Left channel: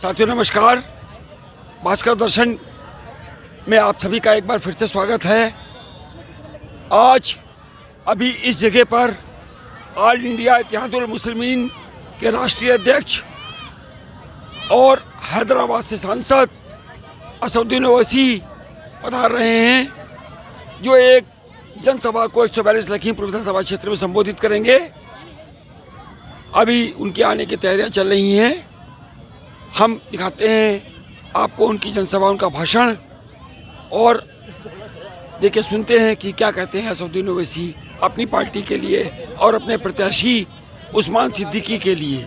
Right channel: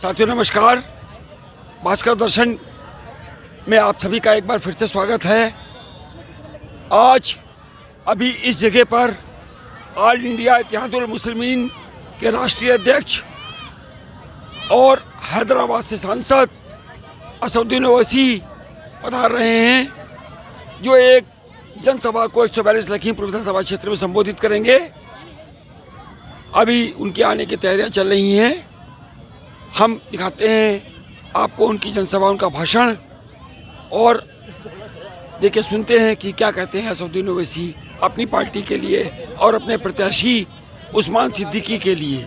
साथियों नमस्कार। भास्कर दर्शन में आप सभी का एक बार फिर से स्वागत है। आज अभी इस जगह पर ऑल इंडिया इत्तेहादुल मुस्लिमीन के राष्ट्रीय अध्यक्ष और हैदराबाद से सांसद असदुद्दीन ओवैसी पधार रहे हैं, जो एक जनसभा को 142 लखीमपुर विधानसभा क्षेत्र में संबोधित करेंगे। अभी उनके आने की तैयारियां चल रही हैं। हम दिखाते हैं आपको उनकी जनसभा, उनका भाषण, और देखिए सुनते हैं कि क्या कहते हैं असदुद्दीन ओवैसी अपनी पार्टी के लिए और अपने प्रत्याशी उस्मान सिद्दीकी के लिए।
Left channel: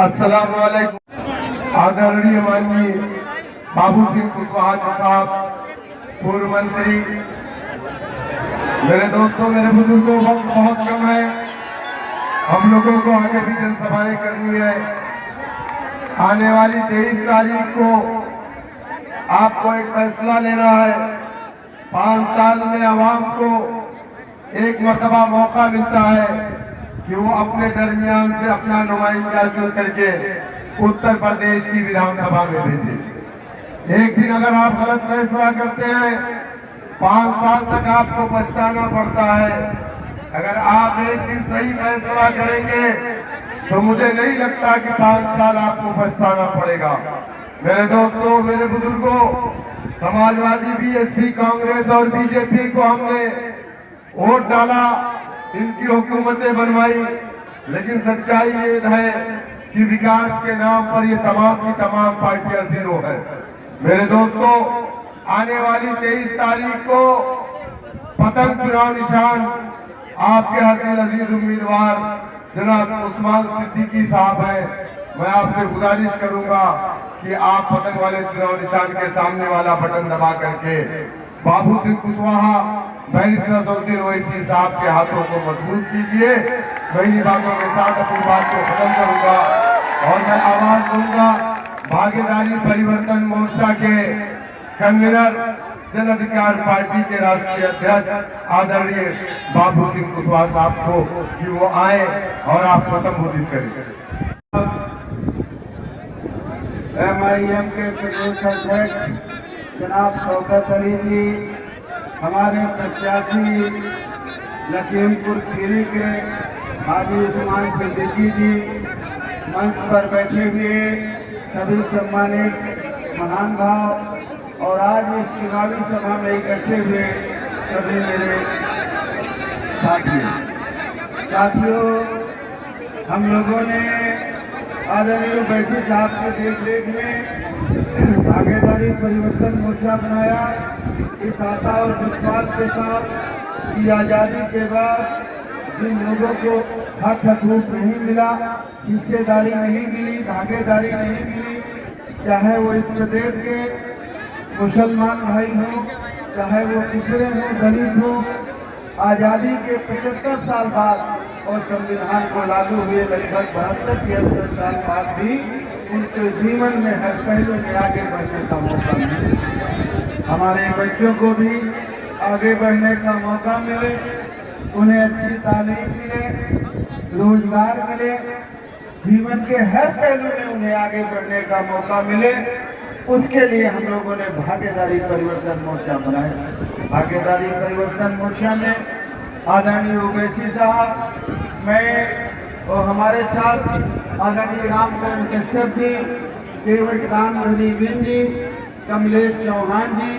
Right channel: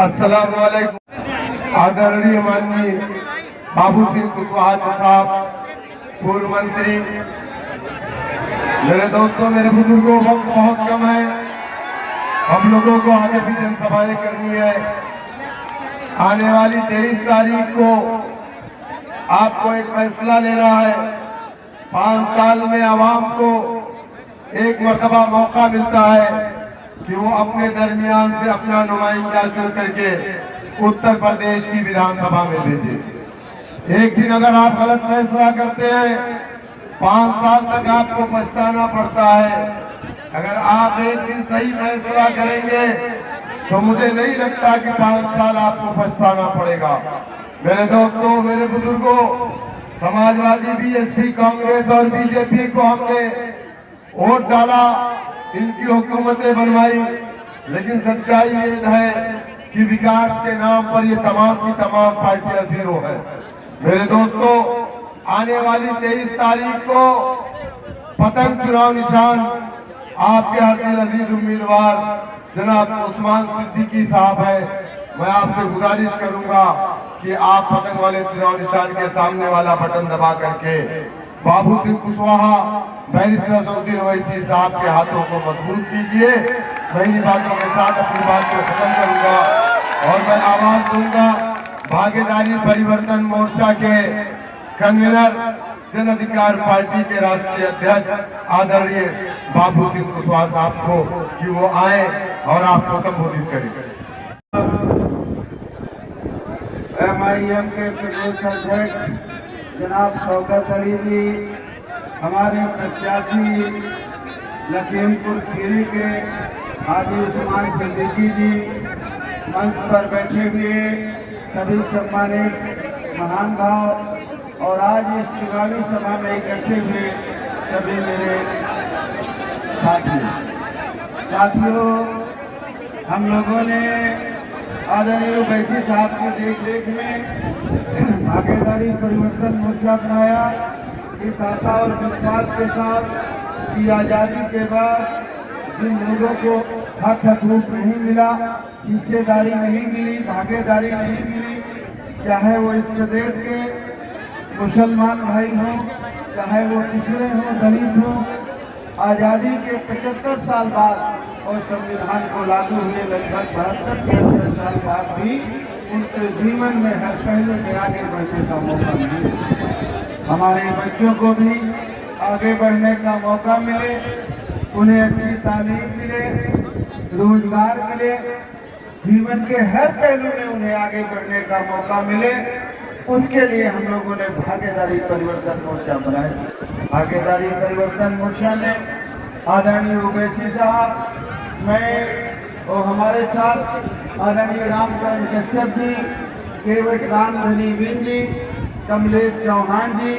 अस्सलाम वालेकुम। आदरणीय माननीय बाबू सिंह कुशवाहा साहब, पूर्व मंत्री, मेरे दोस्तों, मेरे बुजुर्गों, वक्त बहुत कम है, हम लोगों को आगे भी जनसभाएं करनी है। आने वाली 23 तारीख को आपको एक फैसला लेना है। 5 साल में आवाम को एक मर्तबा मौका मिलता है कि वो अपने दरमियान से अपना नुमाइंदा चुन करके उत्तर प्रदेश की विधानसभा में भेजे। एक दिन अगर आप गलत फैसला करते हैं, 5 साल तक आपको पछताना पड़ता है। अगर आप एक दिन सही फैसला करेंगे तो मुझे नहीं लगता कि 5 साल आपको पछताना पड़ेगा। मेरे दोस्तों, मेरे बुजुर्गों, समाजवादी, बीएसपी, कांग्रेस और बीजेपी को हमने वोट डाला, इनकी हुकूमतें बनवाई, लेकिन सच्चाई ये है कि विकास के नाम पर ये तमाम की तमाम पार्टियां जीरो है। मेरे दोस्तों, आने वाली 23 तारीख को पतंग चुनाव निशान आपके हर दिल अजीज उम्मीदवार जनाब उस्मान सिद्दीकी साहब हैं। मैं आपसे गुजारिश करूंगा कि आप पतंग वाले चुनाव निशान के सामने वाला बटन दबा करके बाबू सिंह कुशवाहा, बैरिस्टर असदुद्दीन ओवैसी साहब के हाथों को मजबूत कीजिए। मैं इन्हीं बातों के साथ अपनी बात को खत्म करूंगा और मैं आवाज दूंगा भागीदारी परिवर्तन मोर्चा के कन्वीनर, जन अधिकार पार्टी के राष्ट्रीय अध्यक्ष आदरणीय बाबू सिंह कुशवाहा साहब को कि वो आए और आपको संबोधित करें। MIM के प्रदेश अध्यक्ष जनाब शौकत अली जी, हमारे प्रत्याशी लखीमपुर खीरी के हाजी उस्मान सिद्दीकी जी मंच पर बैठे हुए सभी सम्मानित महान भाव और आज इस चुनावी सभा में इकट्ठे हुए सभी मेरे साथियों, हम लोगों ने आदरणीय ओवैसी साहब की देखरेख में भागीदारी परिवर्तन मोर्चा बनाया। इस आशा और विश्वास के साथ कि आज़ादी के बाद जिन लोगों को हक हकूक नहीं मिला, हिस्सेदारी नहीं मिली, भागीदारी नहीं मिली, चाहे वो इस प्रदेश के मुसलमान भाई हों, चाहे वो पिछड़े हों, दलित हों, आज़ादी के 75 साल बाद और संविधान को लागू हुए लगभग 72-73 साल बाद भी उनके जीवन में हर पहलू में आगे बढ़ने का मौका मिले। हमारे बच्चों को भी आगे बढ़ने का मौका मिले, उन्हें अच्छी तालीम मिले, रोजगार मिले, जीवन के हर पहलू में उन्हें आगे बढ़ने का मौका मिले। उसके लिए हम लोगों ने भागीदारी परिवर्तन मोर्चा बनाया। भागीदारी परिवर्तन मोर्चा में आदरणीय ओवैसी साहब, मैं और हमारे साथ आदरणीय रामचंद्र कश्यप जी, डेविड रामधनीवीर जी, कमलेश चौहान जी,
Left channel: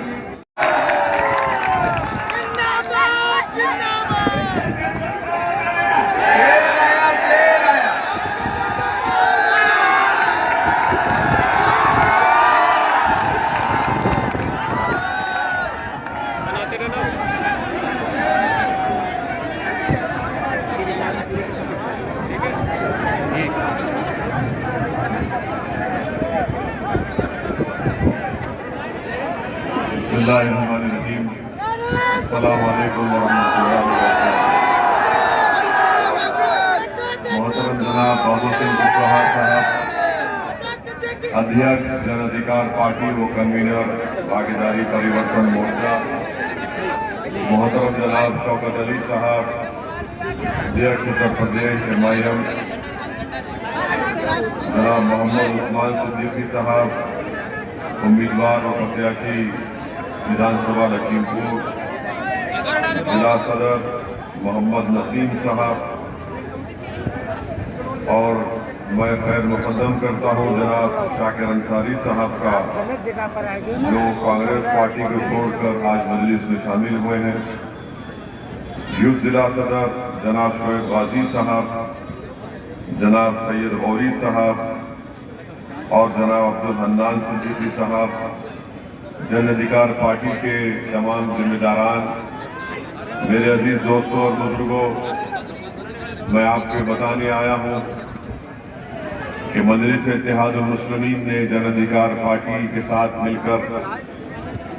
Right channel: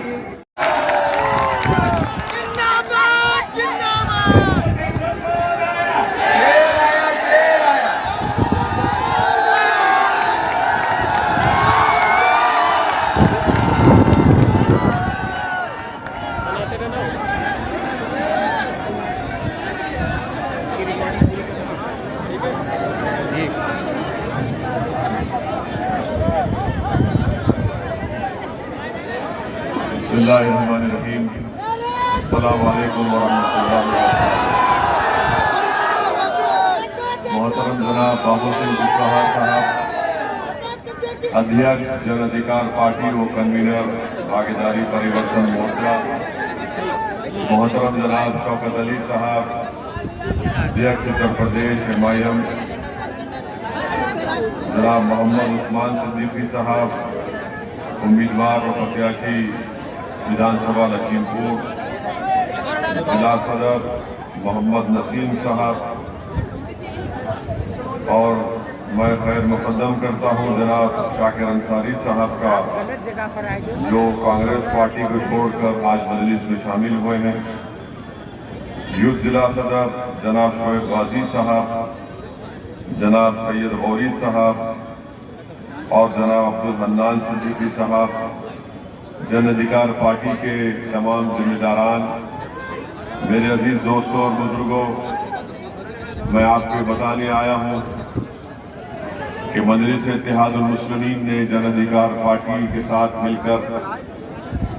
बिस्मिल्लाहिर्रहमानिर्रहीम। अस्सलामु अलैकुम वरहमतुल्लाहि वबरकातुहू। मोहतरम जनाब बाबू सिंह कुशवाहा साहब, अध्यक्ष जन अधिकार पार्टी व कन्वीनर भागीदारी परिवर्तन मोर्चा, मोहतरम जनाब शौकत अली साहब, अध्यक्ष उत्तर प्रदेश MIM, जनाब मोहम्मद उस्मान सिद्दीकी साहब, उम्मीदवार और प्रत्याशी विधानसभा लखीमपुर, जिला सदर मोहम्मद नसीम साहब, और मैं खैर मुकद्दम करता हूं जनाब शाकिर अंसारी साहब का, जो कांग्रेस पार्टी को छोड़कर आज मजलिस में शामिल हुए हैं। यूथ जिला सदर जनाब शोएब गाजी साहब, जनाब सैयद गौरी साहब और जनाब अब्दुल हन्नान सिद्दीकी साहब, जन अधिकार पार्टी के तमाम जिम्मेदारान, मेरे अजीज दोस्तों और बुजुर्गों, मैं आपको बताने आया हूं कि मजलिस इत्तेहादुल मुस्लिमीन ने जन अधिकार पार्टी के साथ मिलकर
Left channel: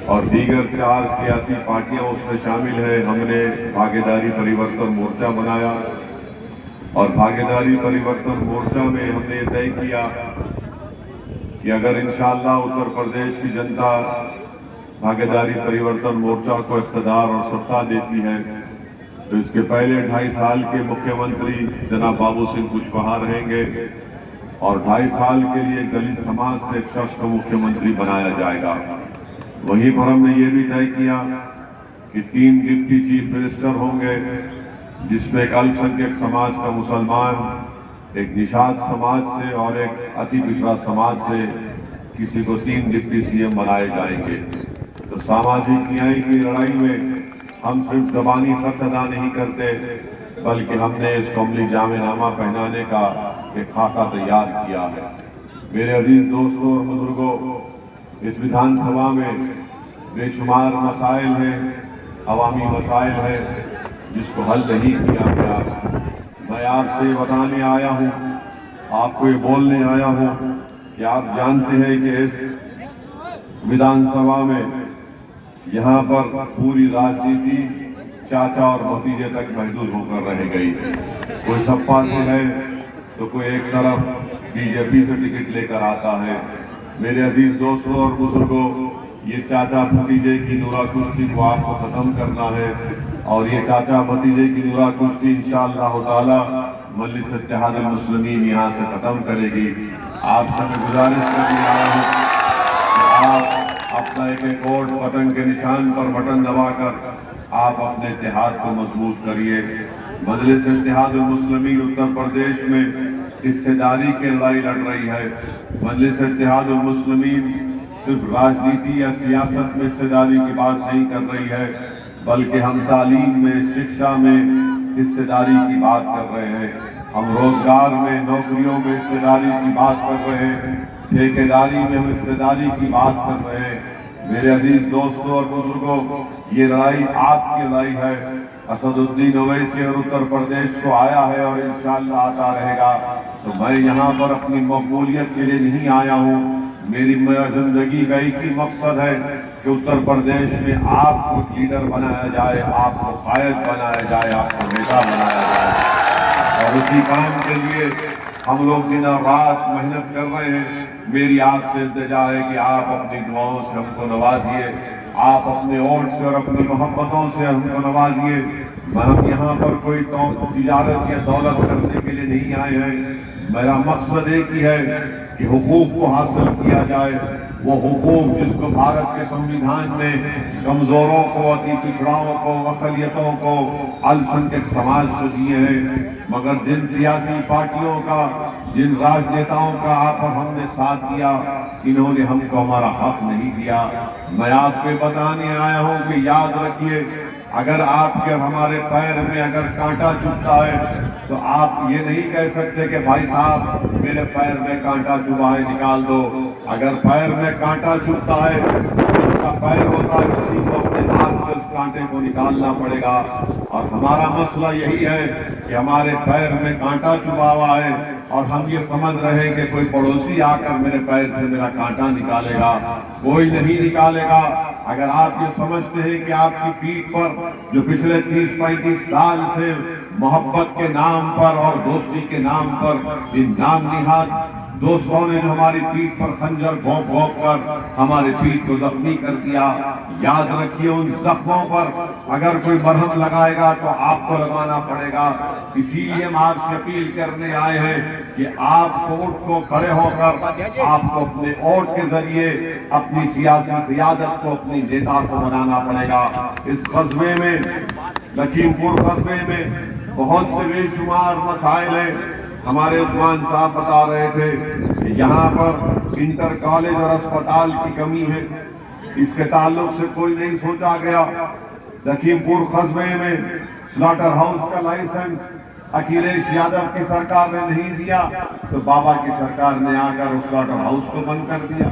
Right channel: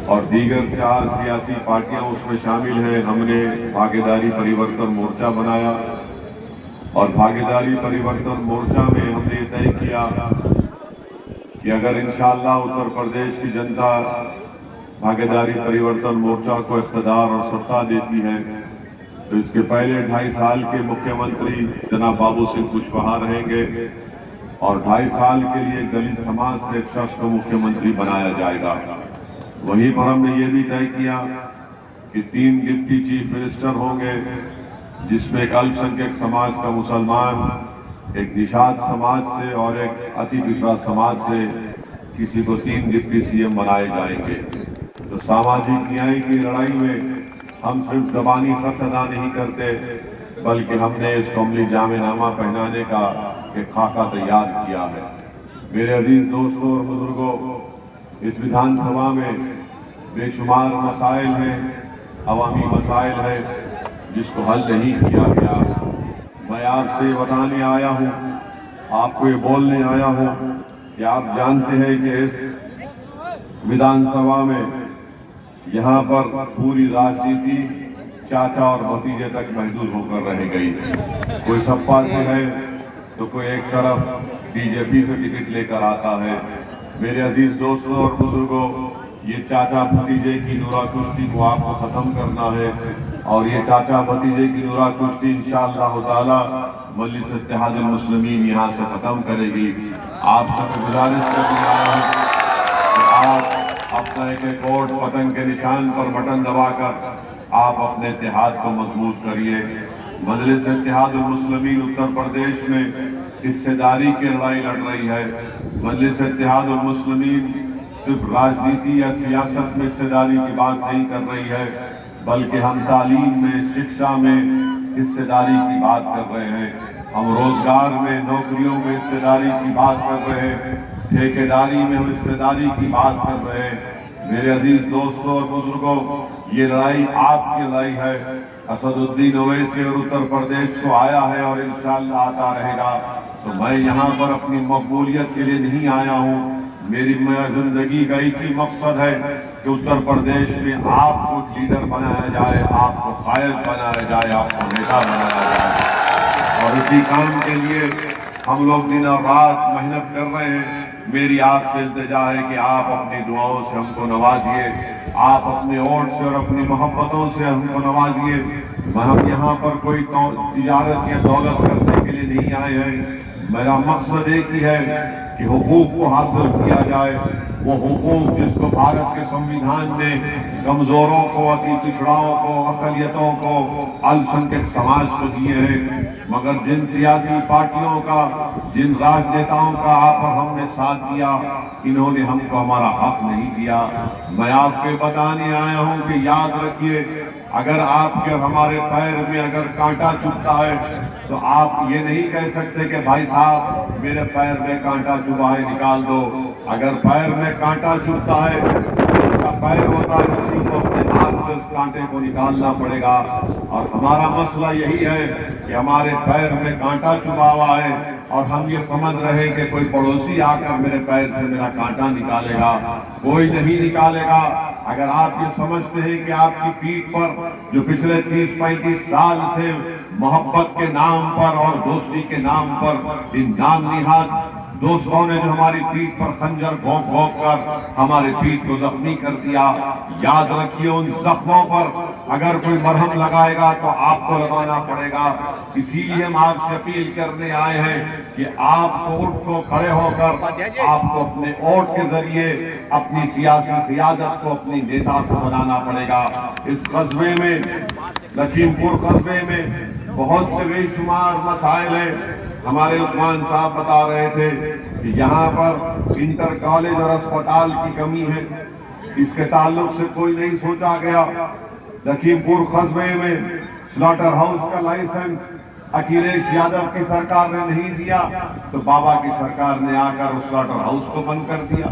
और दीगर 4 सियासी पार्टियां उसमें शामिल है, हमने भागीदारी परिवर्तन मोर्चा बनाया। और भागीदारी परिवर्तन मोर्चा में हमने तय किया कि अगर इंशाअल्लाह उत्तर प्रदेश की जनता भागीदारी परिवर्तन मोर्चा को इख्तियार और सत्ता देती है, तो इसके पहले 2.5 साल के मुख्यमंत्री जनाब बाबू सिंह कुशवाहा रहेंगे और 2.5 साल के लिए दलित समाज से एक शख्स को मुख्यमंत्री बनाया जाएगा। वहीं पर हमने ये भी तय किया कि 3 डिप्टी चीफ मिनिस्टर होंगे, जिसमें एक अल्पसंख्यक समाज का मुसलमान, एक निषाद समाज से और एक अति पिछड़ा समाज से किसी को 3 डिप्टी CM बनाए जाएंगे। तो सामाजिक न्याय की लड़ाई में हम सिर्फ ज़बानी खर्च अदा नहीं करते, बल्कि हमने इस कौमी जामेनामा पहनाने का एक खाका तैयार किया है। मेरे अजीज दोस्तों और बुजुर्गों, इस विधानसभा में बेशुमार मसाइल हैं, अवामी मसाइल है जिसको हल नहीं किया गया। मैं आपसे बताने आया हूं, आपको ये बोलने आया हूं कि आप जानते हैं कि इस विधानसभा में यहाँ पर पूरी राजनीति चाचा और भतीजे तक महदूद होकर रह गई। कोई सपा से है तो कोई एक तरफ बीजेपी से टिकट लेकर आता है। मेरे अजीज दोस्तों और बुजुर्गों, ये चाचा भतीजे की नूरा कुश्ती को आपको खत्म करना है और ये चाचा भतीजे की नूरा कुश्ती इंशाअल्लाह ताला मजलिस इत्तेहादुल मुस्लिमीन यहाँ से खत्म करेगी। आपसे मैं गुजारिश करने आया हूँ कि आप अपना एक वोट पतंग के निशान पर बटन दबाकर आप अपने इत्तेहाद को मजबूत करिए। मजलिस इत्तेहादुल मुस्लिमीन उत्तर प्रदेश में हिस्सेदारी की लड़ाई लड़ रही है। मजलिस इत्तेहादुल मुस्लिमीन सिर्फ राजनीति या सियासत में हिस्सेदारी की बात नहीं कर रही है, बल्कि हम तालीम में, शिक्षा में हिस्सेदारी की बात कर रहे हैं। हम रोजगार में, नौकरियों में हिस्सेदारी की बात कर रहे हैं, ठेकेदारी में हम हिस्सेदारी की बात कर रहे हैं। मेरे अजीज दोस्तों और बुजुर्गों, ये लड़ाई आपकी लड़ाई है। असदुद्दीन ओवैसी और उत्तर प्रदेश को आया है और इंशाअल्लाह आता रहेगा। तो मैं यहाँ पर अपनी मकबूलियत के लिए नहीं आया हूँ। मेरी जिंदगी का एक ही मकसद है कि उत्तर प्रदेश में आपको लीडर बनाया जाए, आपको कायद बनाया जाए, आपको नेता बनाया जाए। और इसी काम के लिए हम लोग दिन और रात मेहनत कर रहे हैं। मेरी आपसे इल्तिजा है कि आप अपनी दुआओं से हमको नवाजिए, आप अपने वोट से और अपनी मोहब्बतों से हमको नवाजिए। हम यहाँ पर कोई तिजारत या दौलत करने के लिए नहीं आए हैं। मेरा मकसद एक ही है कि हुकूक को हासिल किया जाए, वो हुकूक जिसको भारत के संविधान ने कमजोरों को, अति पिछड़ाओं को, अकलियतों को, अल्पसंख्यक समाज को दिए हैं। मगर जिन सियासी पार्टियों का, जिन राजनेताओं का आप और हमने साथ दिया, इन्होंने हमको हमारा हक नहीं दिया। मैं आपके बताने आया हूं कि याद रखिए, अगर आपके और हमारे पैर में अगर कांटा चुभता है तो आप ये नहीं कह सकते कि भाई साहब मेरे पैर में कांटा चुभा है, निकाल दो। अगर पैर में कांटा चुभता है, उसका पैर होता है, किसी को अपने हाथ से उस कांटे को निकालना पड़ेगा। और हमारा मसला यही है कि हमारे पैर में कांटा चुभा हुआ है और हम ये समझ रहे हैं कि कोई पड़ोसी आकर मेरे पैर से मेरा कांटा निकालेगा। कोई नहीं निकालेगा। अगर आप ये समझते हैं कि आपकी पीठ पर जो पिछले 30-35 साल से मोहब्बत के नाम पर और दोस्ती के नाम पर इन नाम निहाद दोस्तों ने जो हमारी पीठ पर खंजर भोंक भोंक कर हमारी पीठ को जख्मी कर दिया, याद रखिए उन जख्मों पर अगर कोई मरहम लगाएगा तो आपको लगाना पड़ेगा। इसीलिए हम आपसे अपील करने आए हैं कि आप वोट को खड़े होकर आपको अपने वोट के जरिए अपनी सियासी क़ियादत को, अपनी नेता को बनाना पड़ेगा। इस कस्बे में, लखीमपुर कस्बे में बहुत से बेशुमार मसाइल हैं। हमारे उस्मान साहब बता रहे थे कि यहाँ पर इंटर कॉलेज और अस्पताल की कमी है। इसके ताल्लुक से कोई नहीं सोचा गया। लखीमपुर कस्बे में स्लॉटर हाउस का लाइसेंस अखिलेश यादव की सरकार ने नहीं दिया तो बाबा की सरकार ने आकर उस स्लॉटर हाउस को बंद कर दिया।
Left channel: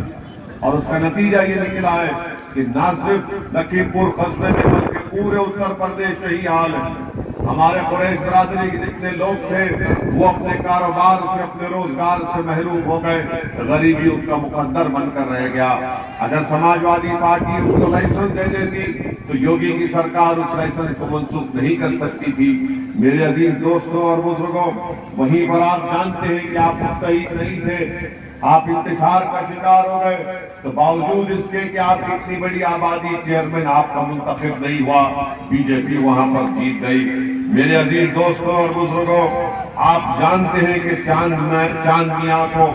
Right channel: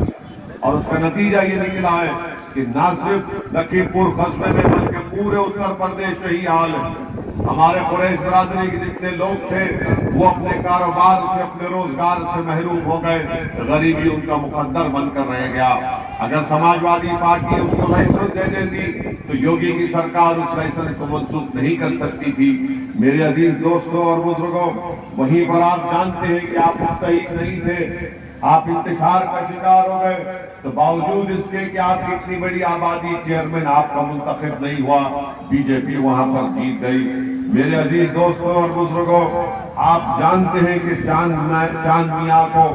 और उसका नतीजा ये निकला है कि न सिर्फ लखीमपुर कस्बे में बल्कि पूरे उत्तर प्रदेश में ही हाल है। हमारे कुरैश बरादरी के जितने लोग थे वो अपने कारोबार से, अपने रोजगार से महरूम हो गए। गरीबी उनका मुकद्दर बनकर रह गया। अगर समाजवादी पार्टी उसको लाइसेंस दे देती तो योगी की सरकार उस लाइसेंस को मंसूख नहीं कर सकती थी। मेरे अजीज दोस्तों और बुजुर्गों, वहीं पर आप जानते हैं कि आप मुस्तैद नहीं थे, आप इंतजार का शिकार हो गए। तो बावजूद इसके कि आपकी इतनी बड़ी आबादी, चेयरमैन आपका मुंतखब नहीं हुआ, बीजेपी वहां पर जीत गई। मेरे अजीज दोस्तों और बुजुर्गों, आप जानते हैं कि चांद मियां को,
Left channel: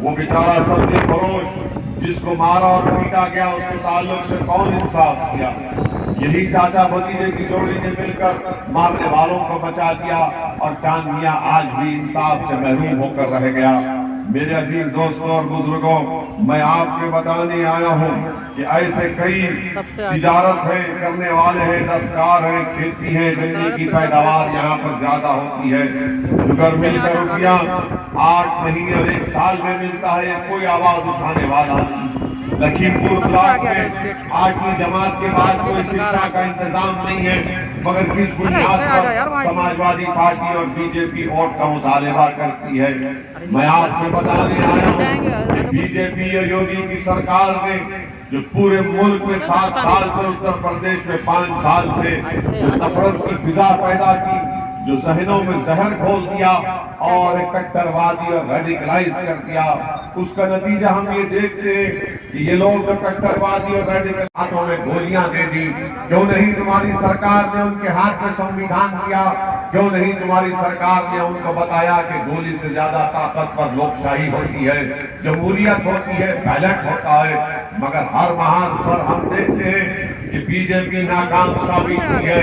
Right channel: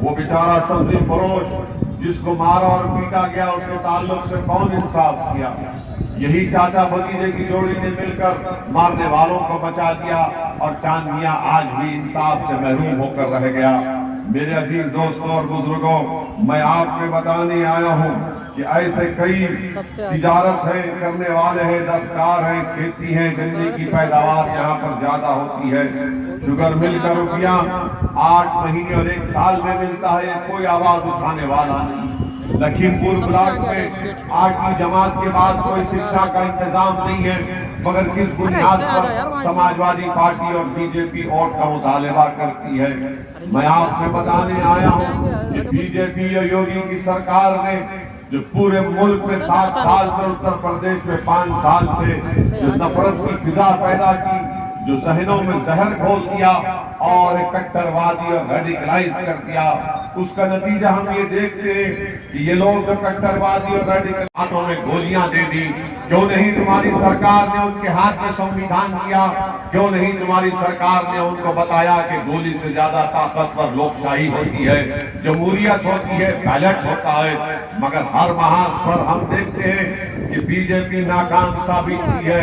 वो बेचारा सब्जी फरोश जिसको मारा और पीटा गया, उसके ताल्लुक से कौन इंसाफ किया? यही चाचा भतीजे की जोड़ी ने मिलकर मारने वालों को बचा दिया और चांद मियां आज भी इंसाफ से महरूम होकर रह गया। मेरे अजीज दोस्तों और बुजुर्गों, मैं आपको बताने आया हूँ कि ऐसे कई तिजारत है करने वाले हैं, दस्तकार हैं, खेती है, जमीन की पैदावार यहाँ पर ज्यादा होती है। शुगर मिल का रुपया 8 महीने और 1 साल में मिलता है, कोई आवाज उठाने वाला नहीं। लखीमपुर ब्लॉक में 8वीं जमात के बाद कोई शिक्षा का इंतजाम नहीं है, मगर किस बुनियाद पर समाजवादी पार्टी और बीजेपी वोट का मुतालबा करती है। मैं आपसे बताने आया हूँ कि बीजेपी और योगी की सरकार ने जो पूरे मुल्क में 7 साल से, उत्तर प्रदेश में 5 साल से जो नफरत की फिजा पैदा की, जो जहनों में जहर घोल दिया और कट्टरवादी और रेडिकलाइज कर दिया, उसका नतीजा हम ये देखते हैं कि ये लोग तो कट्टरवादी और रेडिकल हाथों में गोलियां दे दी। क्यों नहीं तुम्हारी सरकार ने उनके हाथ में संविधान दिया? क्यों नहीं तुम्हारी सरकार ने उनको बताया कि गोली से ज्यादा ताकतवर लोकशाही होती है, जमहूरियत होती है, बैलेट होता है? मगर हर महाज पर हम देखते हैं कि बीजेपी नाकाम साबित हुई है।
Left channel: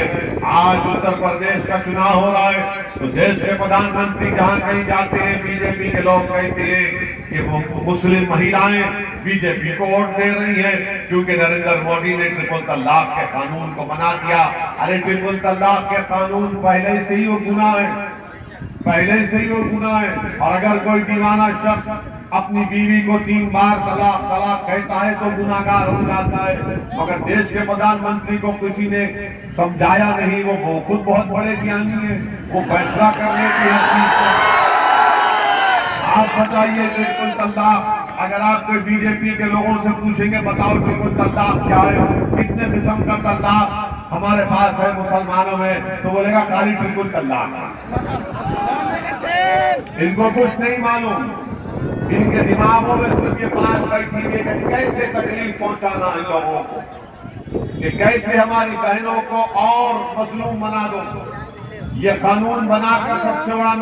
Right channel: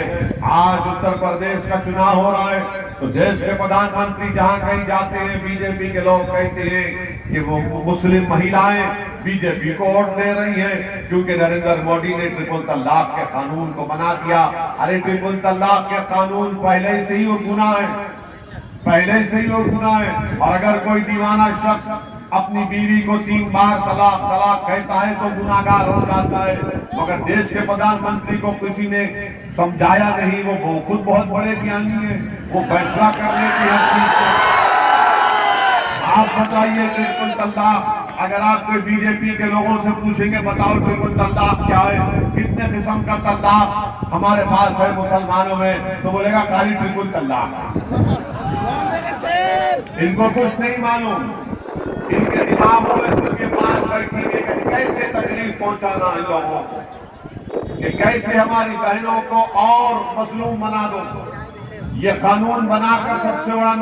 आज उत्तर प्रदेश का चुनाव हो रहा है तो देश के प्रधानमंत्री जहां कहीं जाते हैं बीजेपी के लोग कहते हैं कि वो मुस्लिम महिलाएं बीजेपी को वोट दे रही है क्योंकि नरेंद्र मोदी ने ट्रिपल तलाक के कानून को बना दिया। अरे ट्रिपल तलाक के कानून पहले से ही वो गुनाह है, पहले से ही वो गुनाह है। और अगर कोई दीवाना शख्स अपनी बीवी को 3 बार तलाक तलाक कहता है तो गुनाहगार हो जाता है। मगर देश के प्रधानमंत्री को किसी ने समझाया नहीं, वो खुद बहुत बड़े ज्ञानी है, वो फैसला करने की हर चीज से। आप बताइए ट्रिपल तलाक, अगर आप कोई बीजेपी के लोगों से पूछेंगे बताओ ट्रिपल तलाक क्या है, कितने किस्म का तलाक हमारे पास है मुसलमानों में, तो बोलेगा खाली ट्रिपल तलाक। इनको कुछ नहीं मालूम, इनके दिमागों में सिर्फ ये बात बैठी है कि कैसे तकलीफ पहुंचाना है लोगों को, कि कैसे हमारी बहनों को और मजलूम बना दो। ये कानून बनाकर सबसे बड़ा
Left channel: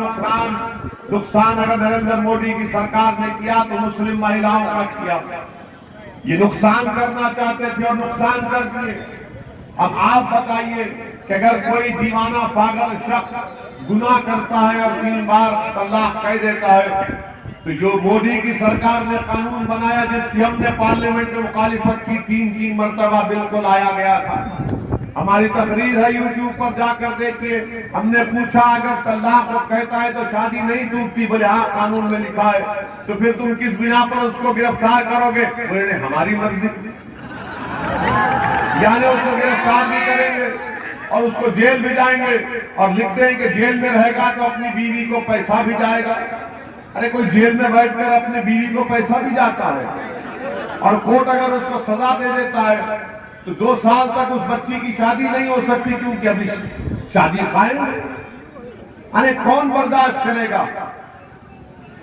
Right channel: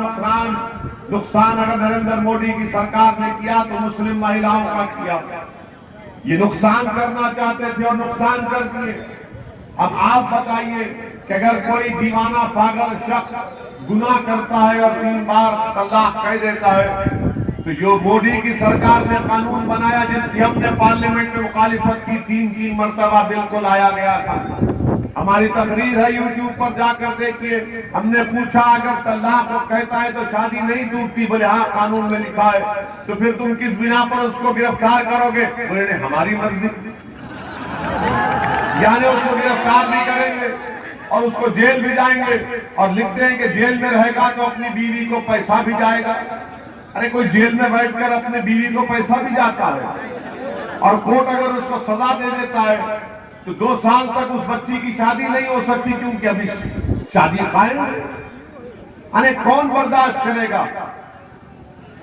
नुकसान अगर नरेंद्र मोदी की सरकार ने किया तो मुस्लिम महिलाओं का किया। ये नुकसान करना चाहते थे और नुकसान कर दिए। अब आप बताइए कि अगर कोई दीवाना पागल शख्स गुनाह करता है और 3 बार तलाक कह देता है, तो जो मोदी की सरकार ने कानून बनाया जिसकी हमने पार्लियामेंट में मुखालिफत की, 3 मरतबा बिल्कुल लाया गया था। हमारी तकरीर है यूट्यूब पर जाकर देखिए। हमने पूछा अगर तलाक वो कहता है तो शादी नहीं टूटती, बोले हाँ कानून में लिखा है, तो फिर तुम किस बिना पर उसको गिरफ्तार करोगे? बोले हमारी मर्जी, यानी उसको गिरफ्तार भी करेंगे और उसको जेल भी जाएंगे और लिखते हैं कि जेल में रहेगा तो अपनी बीवी को पैसा भी जाएगा। अरे कोई जेल में बैठकर अपने बीवी को पैसा भी जाता है और कोर्ट अगर उसको सजा दे देता है तो 2 साल तक उस बच्ची की शादी नहीं हो सकती क्योंकि अभी शादी कायम है। अरे कौन बर्दाश्त करेगा?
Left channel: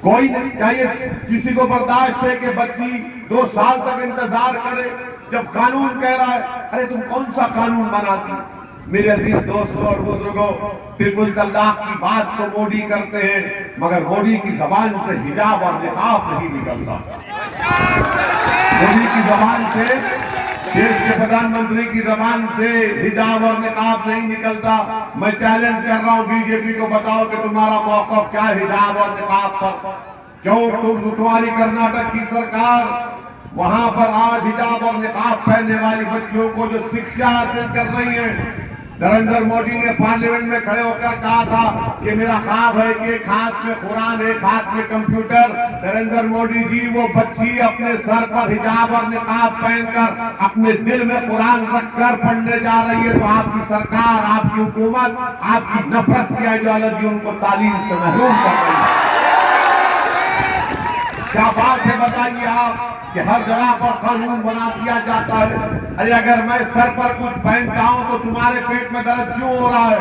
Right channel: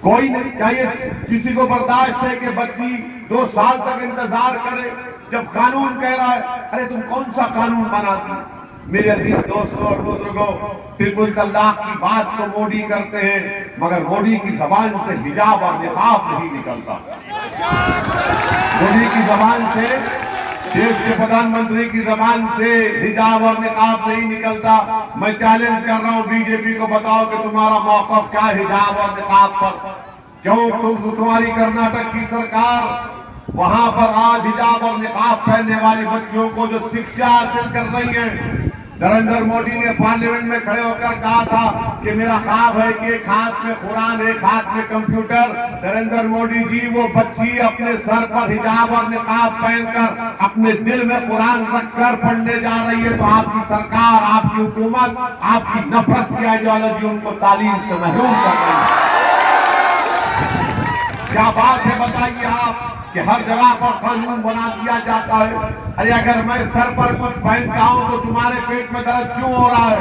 कोई नहीं। क्या ये किसी को बर्दाश्त है कि बच्ची 2 साल तक इंतजार करे जब कानून कह रहा है? अरे तुम कौन सा कानून बनाती? मेरे अजीज दोस्तों और बुजुर्गों, ट्रिपल तलाक की बात तो मोदी करते हैं मगर मोदी की जबान से हिजाब और निकाब नहीं निकलता। मोदी की जबान से, देश के प्रधानमंत्री की जबान से हिजाब और निकाब नहीं निकलता। मैं चैलेंज कर रहा हूं बीजेपी को, बताओ कि तुम्हारा मौक़िफ़ क्या है हिजाब और निकाब पर? क्यों तुम्हारी कर्नाटक की सरकार वहां पर आज हिजाब और निकाब पहनने वाली बच्चियों को जो शिक्षा हासिल कर रही है, नरेंद्र मोदी ने पार्लियामेंट में खड़े होकर कहा था कि मेरा ख्वाब है कि एक हाथ में कुरान एक हाथ में कंप्यूटर। नरेंद्र मोदी जी, वो बच्ची अपने सर पर हिजाब और निकाब पहनकर अपने दिल में कुरान रखकर पढ़ने जा रही है, तो आपकी सरकार, आपकी हुकूमत, आपकी नफरत की आइडियोलॉजी उनको तालीम से महरूम कर रही है। क्या बात है बताइए आप कि हर जगह पर कानून बना दिया जाता है। अरे अगर मैं सर पर कुछ पहनता हूं तो तुम्हारे पेट में दर्द क्यों हो रहा है?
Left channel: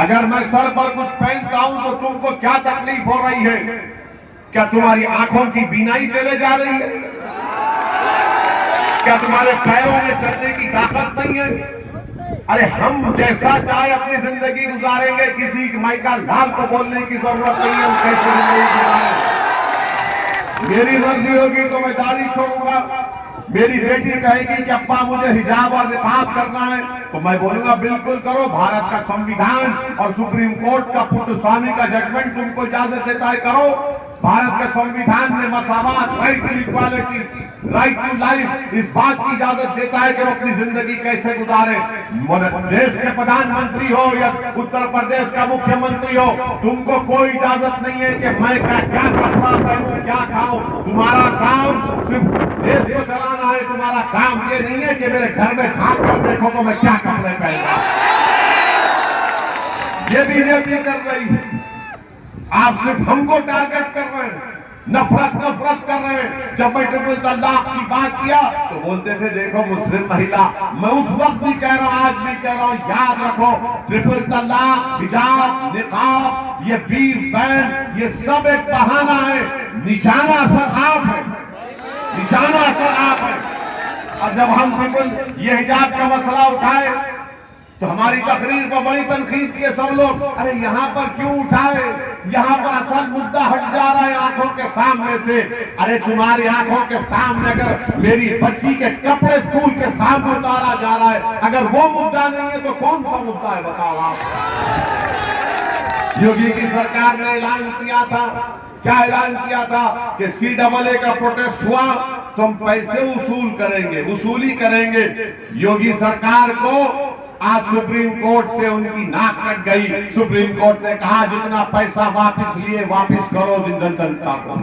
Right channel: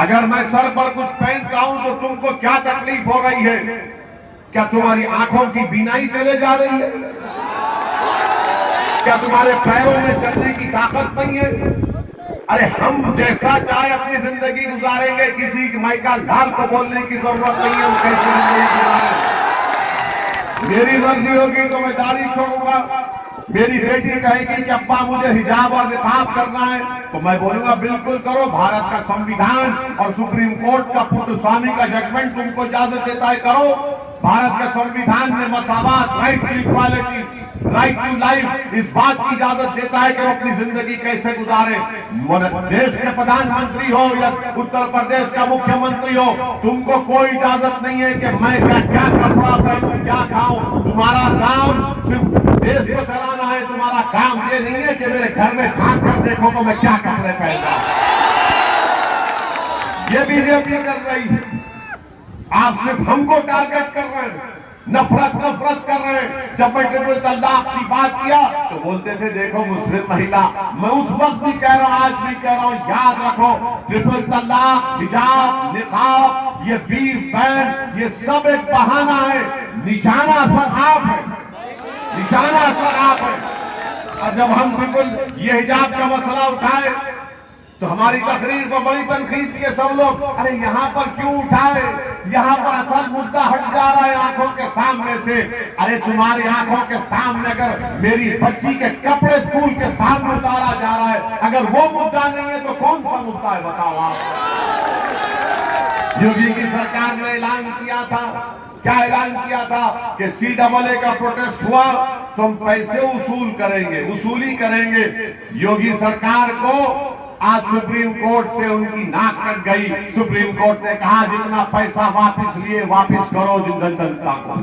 अगर मैं सर पर कुछ पहनता हूं तो तुमको क्या तकलीफ हो रही है? क्या तुम्हारी आंखों की बीनाई चले जा रही है? क्या तुम्हारे पैरों में चलने की ताकत नहीं है? अरे हम जैसा चाहे अपनी जिंदगी गुजारेंगे, किसी माइका लाल को बोलने की जरूरत नहीं है हम कैसे जिंदगी गुजारें। मेरी मर्जी होगी तो मैं दाढ़ी छोड़ूंगा, मेरी बेटी कहेगी कि अब्बा मुझे हिजाब और निकाब करना है तो मैं बोलूंगा बिल्कुल करो। भारत का संविधान और सुप्रीम कोर्ट का पुट्टस्वामी का जजमेंट तुमको इजाजत देता है, करो। भारत के संविधान में मसावात, right to equality, right to life, इस बात की इजाजत देता है कि वो अपनी जिंदगी कैसे गुजारे। देश के प्रधानमंत्री हो या उत्तर प्रदेश का मुख्यमंत्री हो, तुमको कोई इजाजत नहीं है कि मैं क्या कपड़ा पहनूं, क्या खाऊं। तुम्हारा काम सिर्फ देश को चलाना है। तुम्हारा काम ये नहीं है कि मेरे घर में झांक कर देखो तो मैं क्या कपड़े पहनूं। ये बीजेपी कर रही है। आप सिर्फ हमको टारगेट कर रहे हैं, नफरत कर रहे हैं। जब मैं ट्रिपल तलाक की बात किया तो बोलते थे देखो मुस्लिम महिला। मैं उस वक्त भी कह रहा हूं, आज भी कह रहा हूं, याद रखो ट्रिपल तलाक, हिजाब, निकाब, ये बीफ बैन, ये सब एक बहाना है। निशाना असर आप है, निशाना असर आप है। और जब हम ट्रिपल ये हिजाब का मसला उठाए तो हमारी तकरीर पर बड़ी तनकीद किए सब लोग, अरे यहाँ पर क्यों उठाए, यहाँ पर असल मुद्दा हट जा रहा है आंखों के सामने से। अरे तुम्हारी आंखों के सामने अगर मेरी बच्ची के कपड़े स्कूल के सामने उतारा जा रहा है, अगर वो मुद्दा नहीं है तो कौन सा मुद्दा है बताओ आप। योगी की सरकार ने ऐलान किया था, क्या ऐलान किया था कि CAA का प्रोटेस्ट हुआ तो हम पैसे वसूल करेंगे, वसूली करेंगे। योगी सरकार को आज सुप्रीम कोर्ट से उनकी नाक कट गई। सुप्रीम कोर्ट ने कहा जितना पैसा वापस लिए वापस करो जनता को।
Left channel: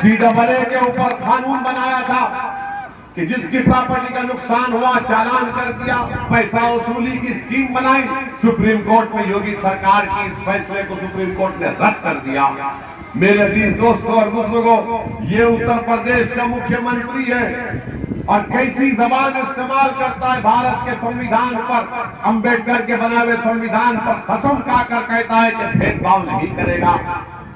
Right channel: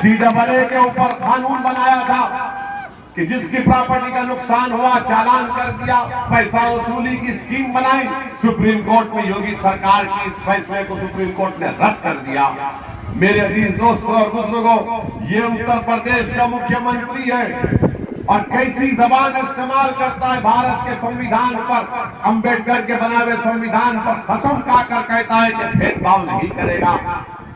CAA के ऊपर कानून बनाया था कि जिसकी प्रॉपर्टी का नुकसान हुआ चालान कर दिया, पैसा वसूली की स्कीम बनाई। सुप्रीम कोर्ट में योगी सरकार की इस फैसले को सुप्रीम कोर्ट ने रद्द कर दिया। मेरे अजीज दोस्तों और बुजुर्गों, ये उत्तर प्रदेश का मुख्यमंत्री है और कैसी जबान इस्तेमाल करता है भारत के संविधान पर, अंबेडकर के बना हुए संविधान पर कसम खाकर कहता है कि भेदभाव नहीं करेगा,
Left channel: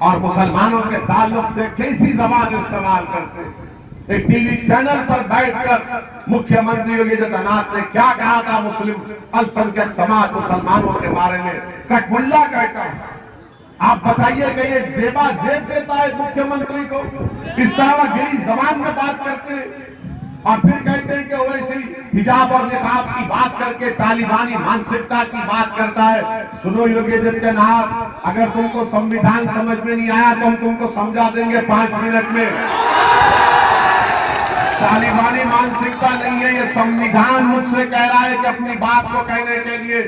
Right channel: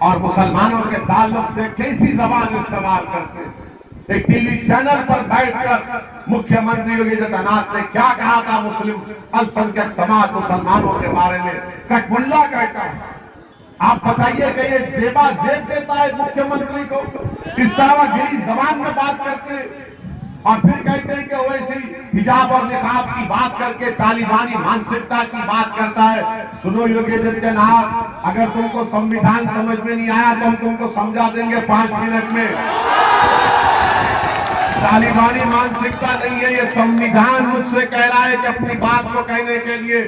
और मुसलमानों के ताल्लुक से कैसी जबान इस्तेमाल करते। एक टीवी चैनल पर बैठकर मुख्यमंत्री योगी आदित्यनाथ ने क्या कहा था मुस्लिम अल्पसंख्यक समाज मुसलमानों के बारे में, कटमुल्ला कहता है। आप बताइए कि ये जेबा जेब देता है मुख्यमंत्री को, इस तरह गिरी जबान में बात करते हैं और फिर कहते हैं कि वैसी हिजाब और निकाब की बात करके तालिबानी मानसिकता की बात करता है। सुनो योगी आदित्यनाथ, अगर तुमको संविधान समझ में नहीं आया तो हम तुमको समझा देंगे 5 मिनट में। तालिबानी मानसिकता नहीं है, ये संविधान मुझसे कह रहा है कि अपनी बात को कहने के लिए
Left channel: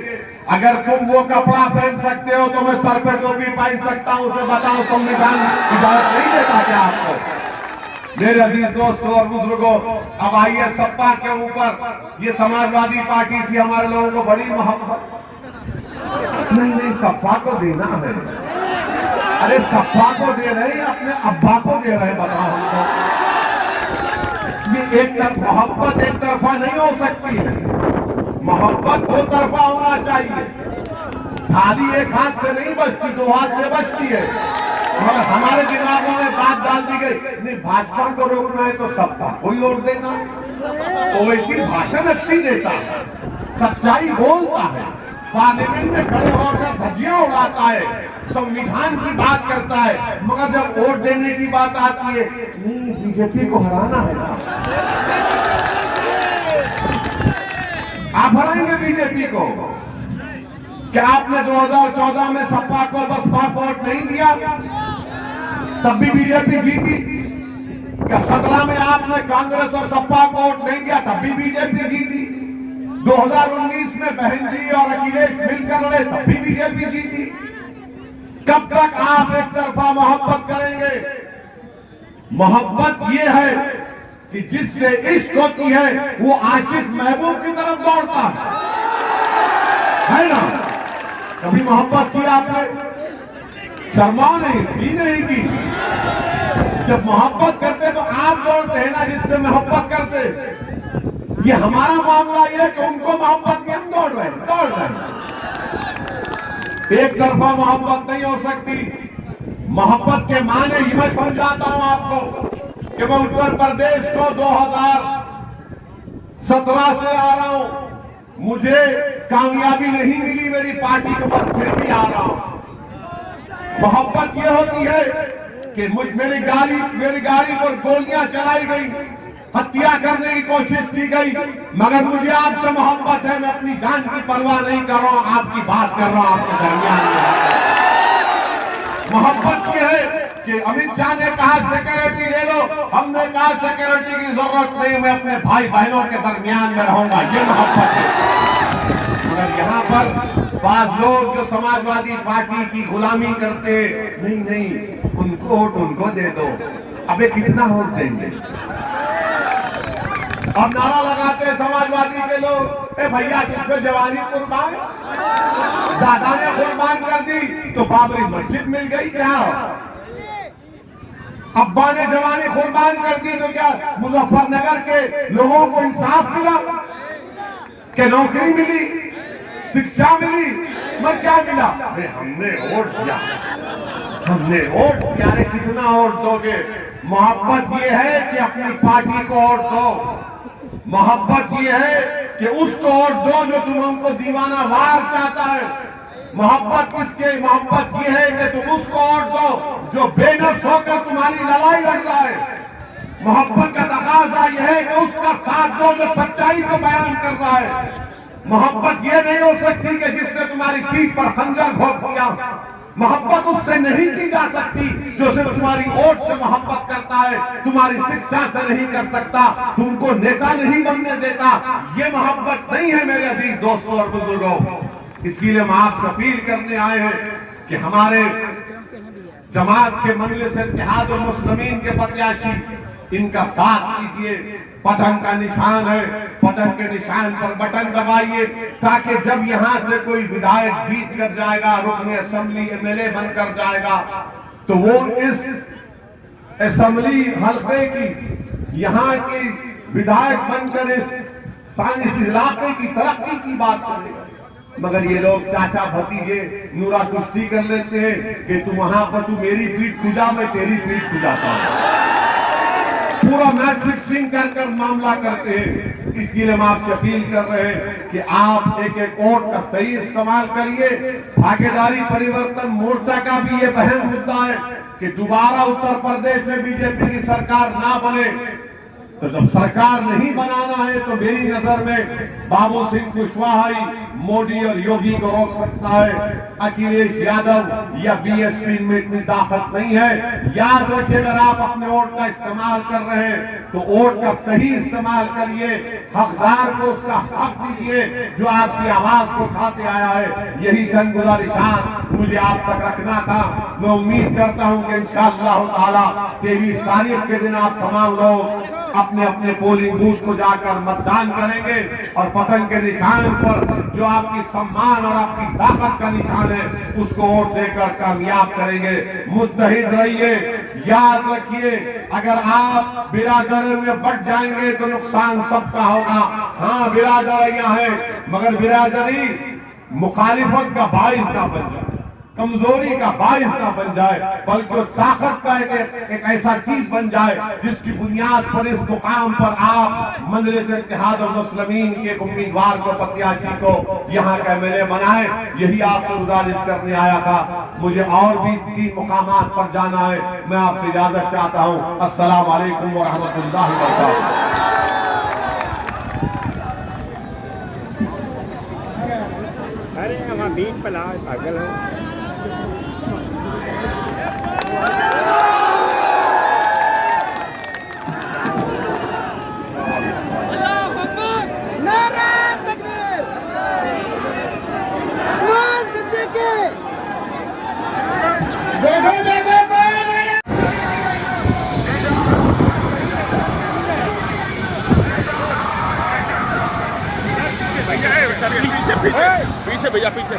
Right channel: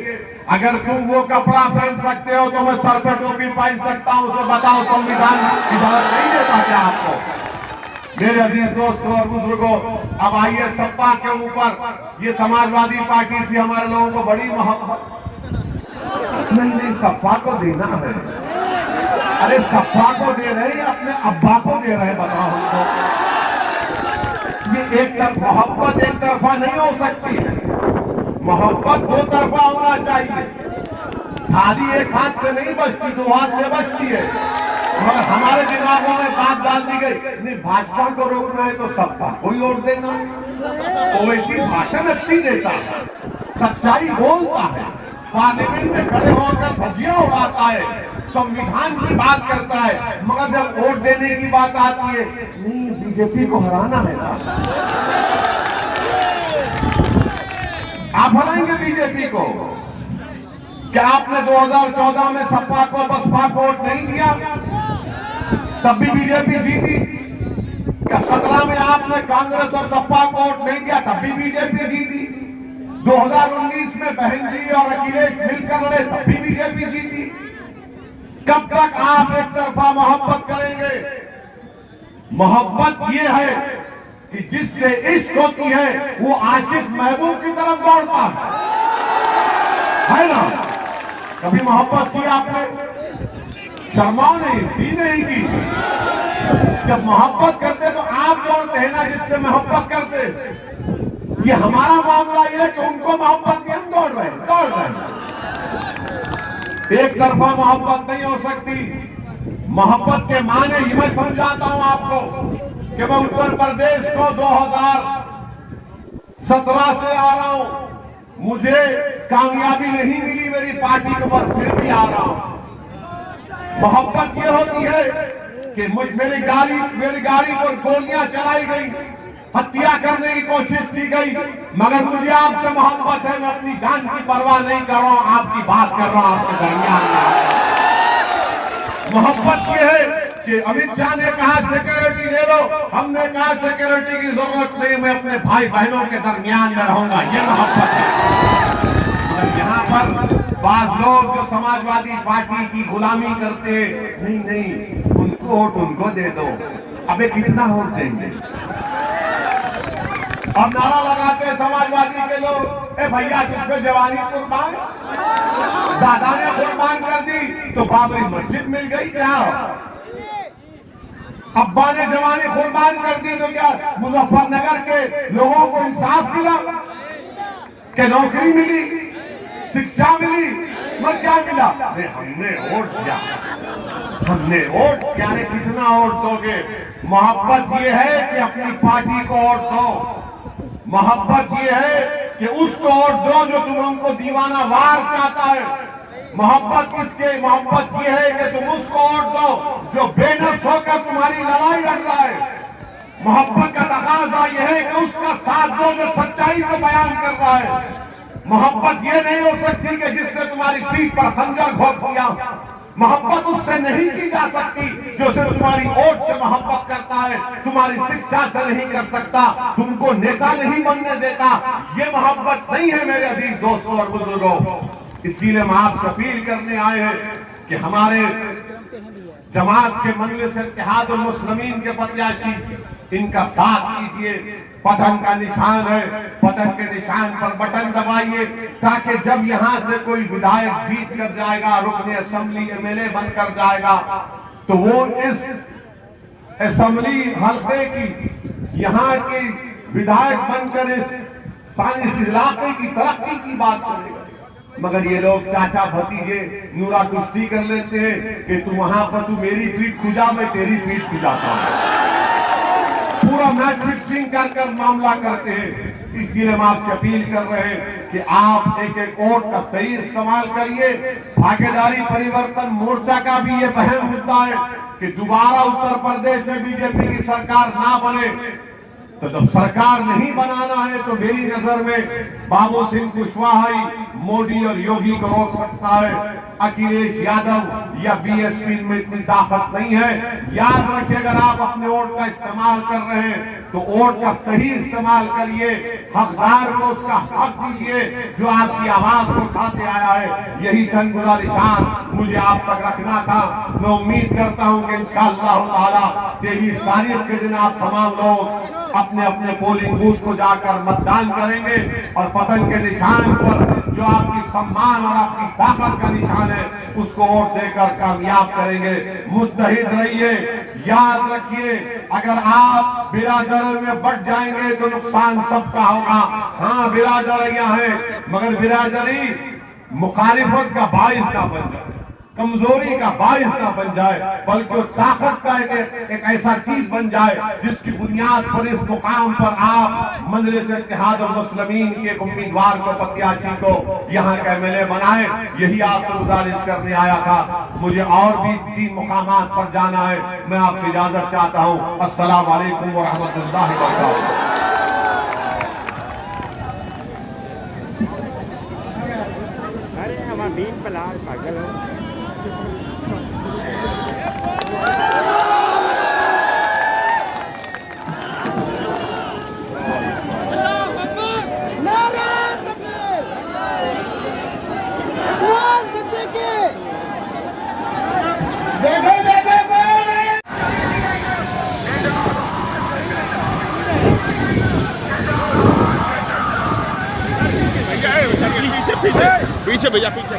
अगर तुम वो कपड़ा पहन सकते हो तो मैं सर पर टोपी पहन सकता हूं, तो बताओ संविधान इजाजत नहीं देता क्या आपको। मेरे अजीज दोस्तों और बुजुर्गों, अब आइए सपा के ऊपर। ये समाजवादी पार्टी से हमारे लोगों को बड़ी मोहब्बत नहीं, सपा को देना है। अरे सपा को दे रहे हैं, अपने अब्बा को दे रहे हैं, बताओ हमको। ये एक तरफ मोहब्बत एक तरफा नहीं हो सकती है, मोहब्बत 2 तरफा होना चाहिए। थाली एक हाथ से नहीं बचती, 2 हाथ से बचती है। मगर हमारे दिमागों में बात डाल दी गई, नहीं भाजपा को रोकना है तो सबका कोई और देता है, तो वैसी भाषण अच्छी देता है, सच्चाई बोलता है, पार्लियामेंट में खड़े होकर धज्जियां उड़ाता है, संविधान की बात करता है, मगर जब वोट देने की बात आती है, नहीं बीजेपी को हराना है ना, आप हराएंगे बीजेपी को। क्या आपने 2014 में सपा को बसपा को वोट नहीं दिया, तब भी बीजेपी जीती? क्या 17 में आपने कांग्रेस और सपा को वोट नहीं दिया, तब भी बीजेपी जीती? 2019 में बहन जी और अखिलेश मिलकर लड़े, तब भी बीजेपी जीती? कब तक आप एक तरफा मोहब्बत करेंगे? मोहब्बत ये है कि जिससे इश्क होती है वो आशिक महबूब की तरफ दौड़ता है ना। कभी मोहब्बत की आपने? शर्माओ नहीं, की नहीं की। जब मोहब्बत करते तो आप दौड़ते हैं ना जिससे मोहब्बत करते। ये हमारा मामला ये है कि उनको मोहब्बत की हम दौड़ रहे हैं। एक तरफा मोहब्बत नहीं हो सकती। मोहब्बत के माने ही मैं समझाता हूं आपको कि मैं उत्तर प्रदेश को 2017 से आ रहा हूं, मुझे कामयाबी नहीं मिली मेरी पार्टी को, पर फिर भी आ रहा हूं। मोहब्बत ये होती है कि मेरी गाड़ी पर गोलियां चलाई गई, हत्या करने की कोशिश की गई, मगर मुझे आपसे मोहब्बत है, मैं अपनी जान की परवाह नहीं कर रहा हूं, आपकी बात कर रहा हूं आपके दरमियान में। मोहब्बत ये है कि अमित शाह ने कहा सिक्योरिटी ले लो, हमने कहा सिक्योरिटी की जरूरत नहीं, मैं अपने भाई बहनों के दरमियान में रहूंगा, ये मोहब्बत है। मगर यहाँ पर बाज लोग जो समाजवादी पार्टी की गुलामी करते, नहीं उनको वोट उनको दे दो, अबे कितना वोट देंगे? अब नारा लगाते समाजवादी के लोग, ए भैया जिसपे जवानी कुर्बान, दादा ने कुर्बान कर दी तो बाबरी मस्जिद मिल गई क्या? अब्बा ने जवानी कुर्बान कर दी तो क्या मुजफ्फरनगर के लोगों को इंसाफ मिला, कि नौकरी मिली, शिक्षा मिली, मगर क्या मिला? हमने वोट दिया, हमने वोट दिया। कितना वोट दोगे? मोहब्बत ये है कि अपनी पार्टी को वोट दो, मोहब्बत ये है कि उसको वोट दो जो तुम हमको दीवाना वार चाहता है। मोहब्बत किसके? मोहब्बत ये है कि तुम उसको वोट दो जो बेनफ्स होकर तुम्हारी लड़ाई लड़ रहा है। मोहब्बत का तकाजा यह है कि उसका साथ दो जो सच्चाई को बयान कर रहा है। मोहब्बत ये नहीं हो सकती कि जिसने तुम्हारी पीठ पर खंजर घोंप दिया। मोहब्बत उससे नहीं की जा सकती जो सिर्फ तुम्हारी वोट से मोहब्बत करता है, तुम्हारी शिक्षा से नहीं कर सकता, तुमको नेता नहीं बनने देता। ये मोहब्बत नहीं है मेरे अजीज दोस्तों और बुजुर्गों। इसीलिए हम आपसे अपील करने आए हैं कि हमारे जमात के मजलिस इत्तेहाद उल मुस्लिमीन के प्रत्याशी, इनका साथ कीजिए। पतंग का निशान है, पतंग के निशान पर बटन दबाइए ताकि जब यहां से कोई विधायक जीत कर जाएगा, रुकने असेंबली एमएलए बनकर जाएगा, तो वो इस असेंबली हल्के की, यहाँ की विधायक बनकर इस इलाके की तरक्की की बात करेगा। मगर ये लोग चाचा भतीजे नूरा कुश्ती कर लेते हैं कि तू वहां पर तू मेरी पीठ खुजा, मैं तेरी पीठ खुजाता हूं। पूरा मैच फिक्सिंग कर कर मामला करते हैं। इसलिए हम आपसे अपील कर रहे हैं कि आप एक एक वोट का सही इस्तेमाल करिए। भागीदारी परिवर्तन मोर्चा का भी ये अहम मुद्दा है कि दोबारा उत्तर प्रदेश में बीजेपी की सरकार ना बने। तो जब सरकार नहीं बनाना है तो मेरी नजर में बाबू सिंह कुशवाहा ही मोदी और योगी को रोक सकता है। अखिलेश यादव या बीएसपी में इतनी ताकत नहीं है। याद रखिए, अगर आप अपने वोट का इस्तेमाल कर रहे हैं तो वोट का सही इस्तेमाल करिए। हकदार को उसका हक दीजिए जो आपकी आवाज को उठाते आया है। यही चंद गुजारिशात मुझे आप तक रखना था। मैं उम्मीद करता हूं कि इंशाअल्लाह ताला 23 तारीख के दिन आप तमाम लोग अपने अपने पोलिंग बूथ को जाकर मतदान करेंगे और पतंग के निशान पर जो आपकी सम्मान और आपकी ताकत का निशान है उसको वोट देकर कामयाब करेंगे। मुत्तहिद रहिए। याद रखिए, अगर आप बिरादरी में बढ़ जाएंगे तो नुकसान सबका होगा। हाँ, बिरादरियां हैं, मगर बिरादरी मुखालिफत का बाइस ना बन जाए, कमजोरी का बाइस ना बन जाए, बल्कि ताकत का एक ऐसा चीज बन जाए जिसकी बुनियाद पर इस मुकाम पर आप मजलिस इत्तेहाद उल मुस्लिमीन के उम्मीदवार को, प्रत्याशी को यहाँ का एमएलए बनाए। यही आपसे गुजारिश करने आया था। मुझे और भी 3 मुकामात पर जाना है। मैं आपसे इजाजत चाहता हूँ। अस्सलाम वालेकुम व रहमतुल्लाहि व बरकातहू। बीच पर पागल है। पीछे भैया, पीछे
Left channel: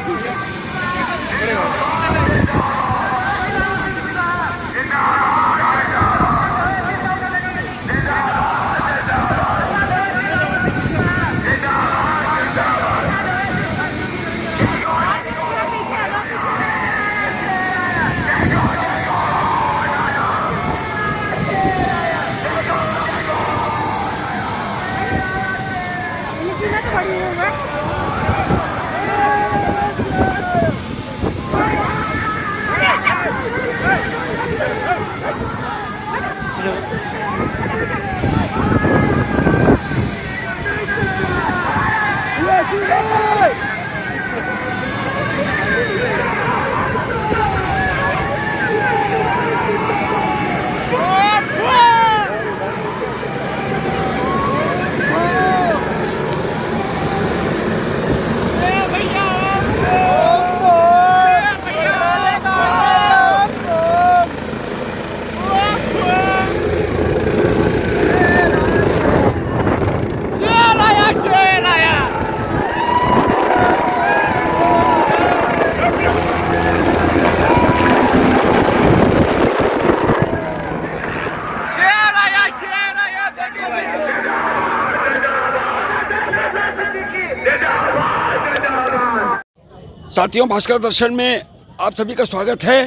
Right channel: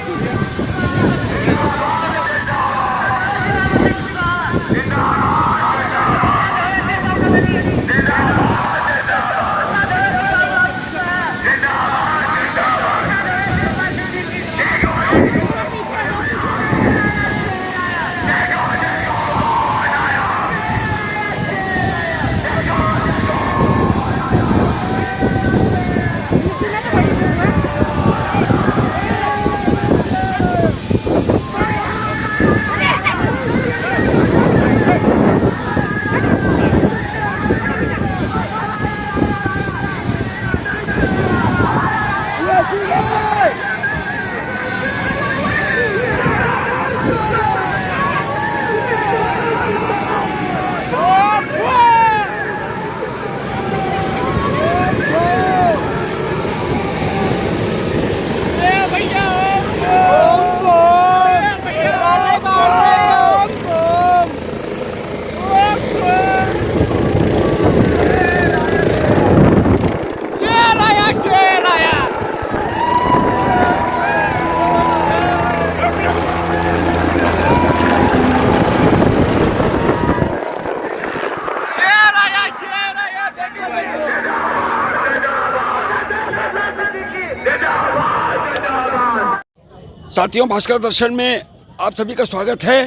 साथियों, भास्कर दर्शन में आप सभी का स्वागत है।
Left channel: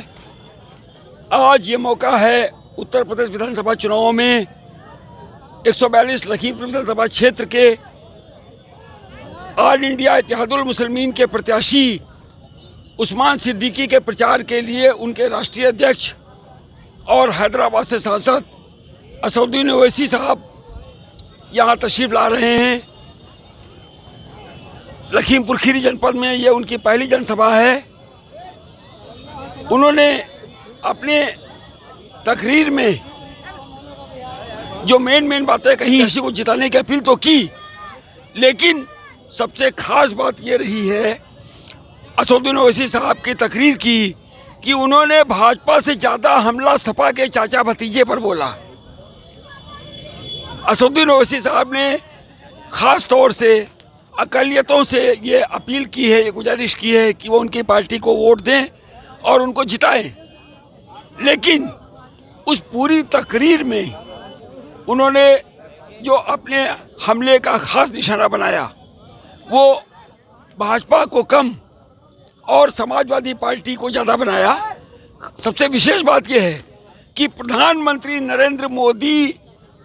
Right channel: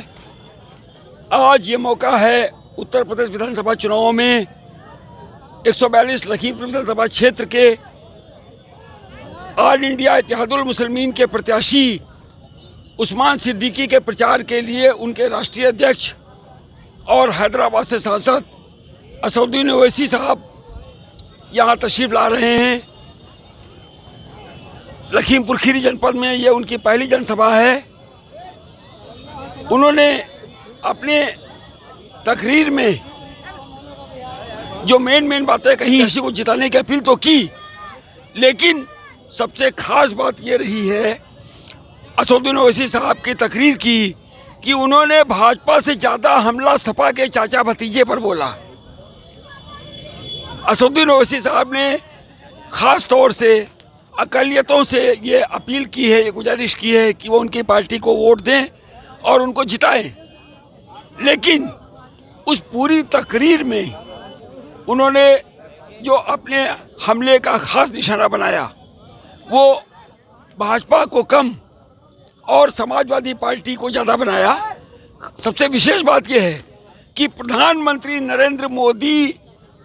आज ये मौका है उत्तर प्रदेश विधानसभा चुनावों में 142 लखीमपुर विधानसभा क्षेत्र के ऑल इंडिया इत्तेहादुल मुस्लिमीन के प्रत्याशी उस्मान सिद्दीकी के प्रचार के लिए उनके राष्ट्रीय अध्यक्ष और हैदराबाद से सांसद असदुद्दीन ओवैसी साहब यहाँ तशरीफ़ ला रहे हैं। लखीमपुर खीरी जनपद में ये उनकी पहली जनसभा है। उन्होंने अपने तकरीर में जो मेन बातें कही, किसी को जिताने की अपील तो की, लेकिन सबसे खास बात ये रही है असदुद्दीन ओवैसी साहब की तकरीर की कि उन्होंने भाजपा से ज़्यादा हमला सपा के चाचा भतीजे पर बोला। असदुद्दीन ओवैसी साहब ने ख़ास तौर से अक़लियतों से ये अपील की है, ये गुजारिश की है कि वो उनकी पार्टी को वोट दें और उनको जिताएं। लेकिन उस पूरी तकरीर में उन्होंने जो अपने हमले का ख़ास निशाना बनाया वो भाजपा को कम और समाजवादी पार्टी को ज़्यादा बनाया। सबसे विशेष बात यह है कि प्रधानमंत्री नरेंद्र मोदी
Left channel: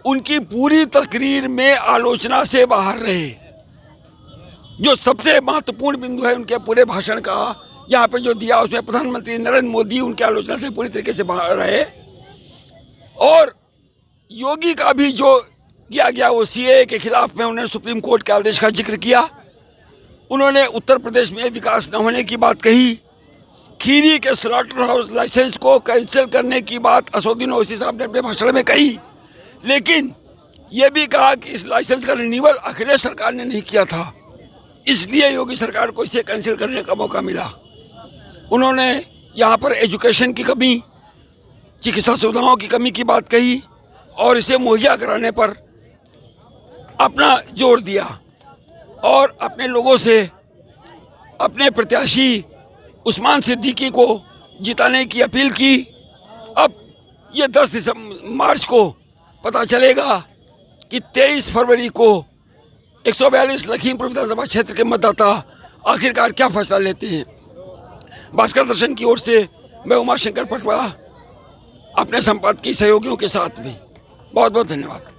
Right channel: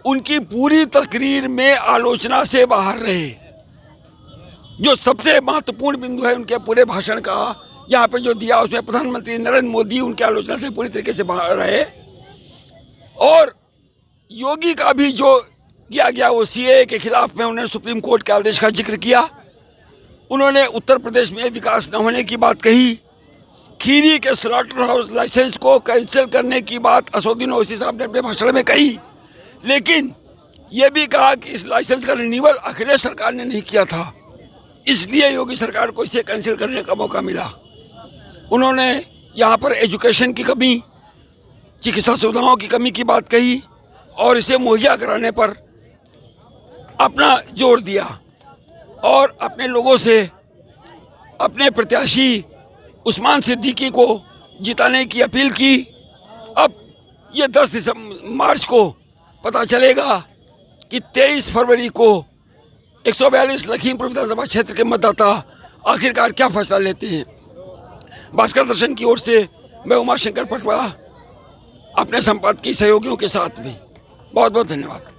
उनकी पूरी तकरीर में आलोचना से बाहर रहे। जो सबसे महत्वपूर्ण बिंदु है उनके पूरे भाषण का यहाँ पे जो दिया, उसमें प्रधानमंत्री नरेंद्र मोदी उनकी आलोचना से पूरी तरीके से बाहर रहे। और योगी का भी जो किया गया वो सीएए के खिलाफ में उन्होंने सुप्रीम कोर्ट के आदेश का जिक्र किया। उन्होंने उत्तर प्रदेश में विकास न होने की बात कही। खीरी के स्लॉटर हाउस लाइसेंस को कैंसिल करने की बात असदुद्दीन ओवैसी साहब ने अपने भाषण में कही, लेकिन ये भी कहा कि इस लाइसेंस का रिन्यूअल अखिलेश सरकार ने नहीं किया था, इसलिए योगी सरकार को इसे कैंसिल करने का मौका मिला। उन्होंने यहाँ पर एजुकेशन की कमी, चिकित्सा सुविधाओं की कमी की बात कही और इसे मुहैया कराने पर अपना जोर दिया और अपने लोगों से अपने प्रत्याशी उस्मान सिद्दीकी को जिताने की अपील की। अब ये 10 मार्च को पता चलेगा कि 23 फरवरी को 142 लखीमपुर विधानसभा क्षेत्र के मतदाता आखिरकार क्या फैसला लेते हैं। भास्कर दर्शन की ओर से मैं उमाशंकर पटवा अपने संपादकीय सहयोगियों के साथ में बहुत बहुत धन्यवाद।